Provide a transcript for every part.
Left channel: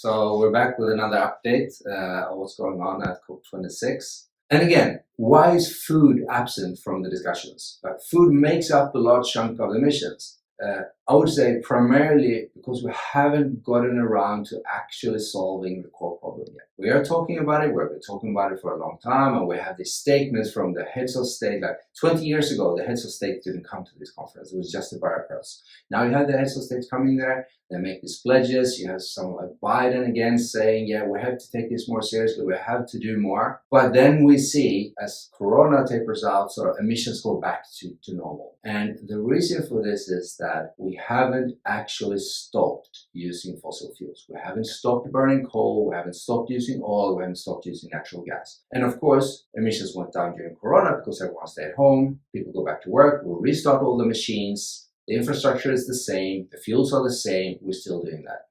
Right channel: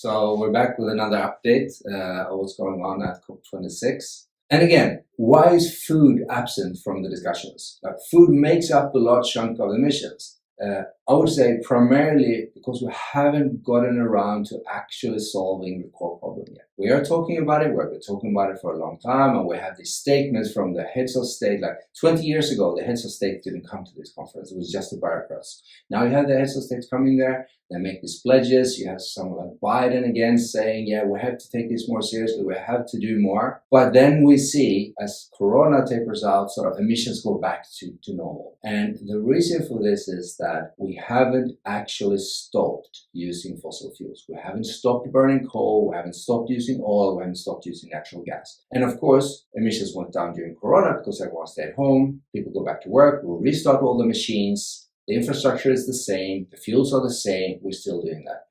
So we're back with another update of what's going on at COP26. And again, why is food absent from the discussions? Like, food makes up a large chunk of emissions. I would say primarily because we haven't gotten around to actually solving the core problem yet. We are talking about it, we've been talking about it for a long time, and we have these statements from the heads of state. Like 20 years ago, the heads of state didn't come to this conference, it was just the bureaucrats. Now you have the heads of state coming there, they make these pledges. You have someone like Biden again saying, yeah, we have to take this more seriously, we have to do more. But then we see, as Corona tapers out, sort of emissions go back to normal. And the reason for this is that we haven't actually stopped using fossil fuels. We haven't stopped burning coal, we haven't stopped using oil, we haven't stopped using natural gas. And of course, emissions went down during Corona because everyone stayed home, people go back to work, we'll restart all the machines. The infrastructure is the same, the fuels are the same, we're still doing that.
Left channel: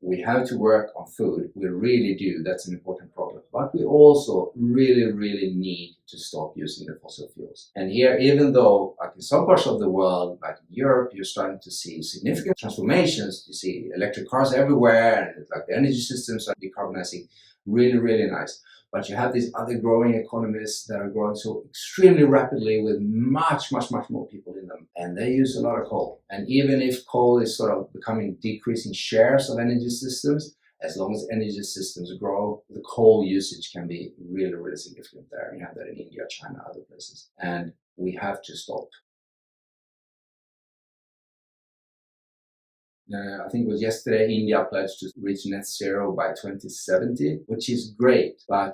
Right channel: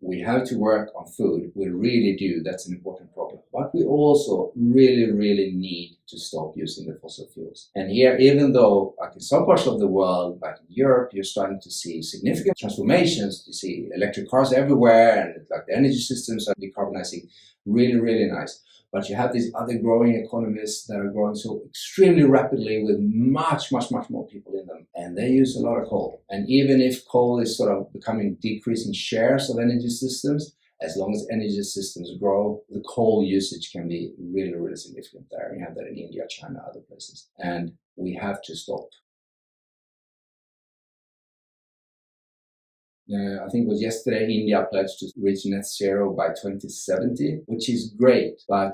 We have to work on food, we really do, that's an important problem. But we also really need to stop using the fossil fuels. And here, even though like in some parts of the world, like in Europe, you're starting to see significant transformations, you see electric cars everywhere, and like the energy systems are decarbonizing, really nice. But you have these other growing economies that are growing so extremely rapidly with much more people in them. And they use a lot of coal. And even if coal is sort of becoming decreasing shares of energy systems, as long as energy systems grow, the coal usage can be really significant there. You have that in India, China, other places. And we have to stop. I think it was yesterday, India pledged to reach net zero by 2070, which is great, but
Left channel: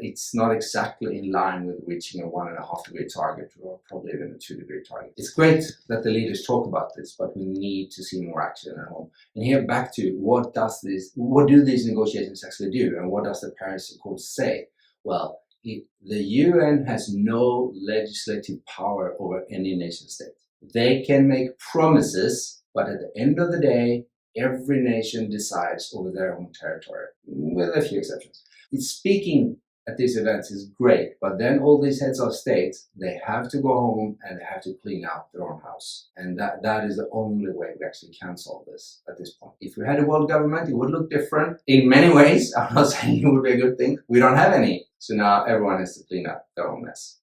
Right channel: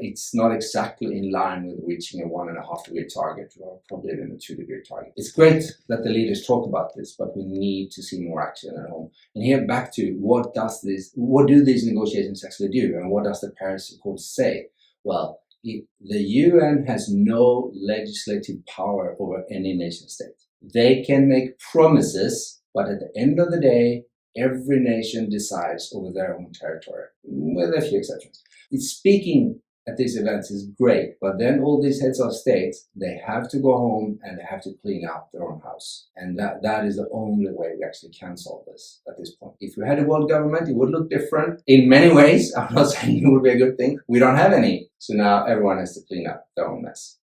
it's not exactly in line with reaching a 1.5 degree target, or probably even a 2 degree target. It's great that the leaders talk about this, but we need to see more action at home. And here back to what do these negotiations actually do, and what does the Paris Accord say? Well, the UN has no legislative power over any nation state. They can make promises, but at the end of the day, every nation decides over their own territory, with a few exceptions. Speaking at these events is great, but then all these heads of states, they have to go home and they have to clean up their own house. And that is the only way we actually can solve this at this point. If we had a world government, it would look different in many ways. I'm not saying it would be a good thing. We don't have any. So now everyone has to clean up their own mess.